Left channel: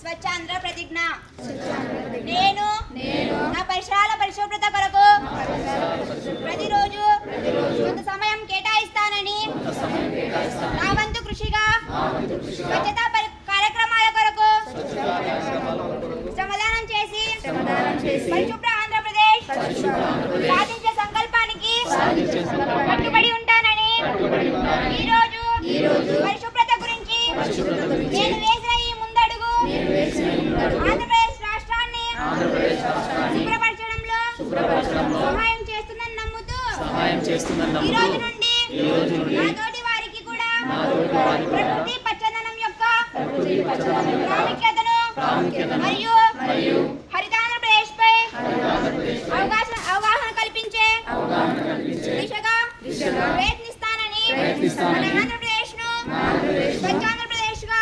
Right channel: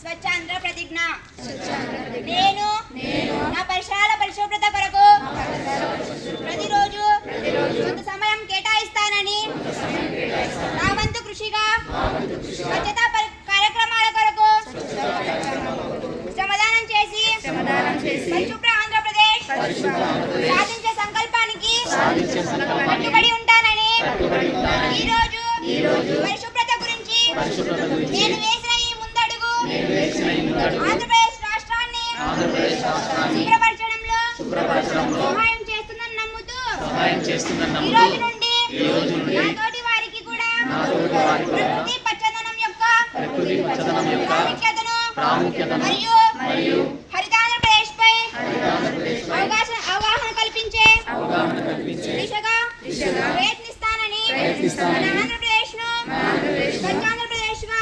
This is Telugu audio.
స్వచ్ఛాంధ్ర ప్రతిజ్ఞ. నేను నా పరిసరాల పరిశుభ్రత కొరకు ప్రతిరోజు కొంత సమయం కేటాయిస్తానని నా వంతు కృషిగా స్వచ్ఛతా కార్యక్రమాల కొరకు శ్రమదానం చేసి పరిశుభ్ర ఆంధ్రప్రదేశ్ సాధించే సంకల్పానికి కట్టుబడి ఉంటానని ఈరోజు పరిశుభ్రత గురించి నేను వేసిన ఈ ముందడుగు ఆంధ్రప్రదేశ్ రాష్ట్రాన్ని శుభ్రపరచడంలో సహాయం చేస్తుందని నమ్ముతూ ఈ రోజు నుండి నా తోటి వారికి కూడా ప్రకృతి పచ్చదనం యొక్క ప్రాముఖ్యతను మరియు హరితాంధ్రప్రదేశ్ పై అవగాహన కల్పించే దిశగా ప్రయత్నిస్తానని మన ఆంధ్రప్రదేశ్ ను స్వచ్ఛాంధ్రప్రదేశ్ గా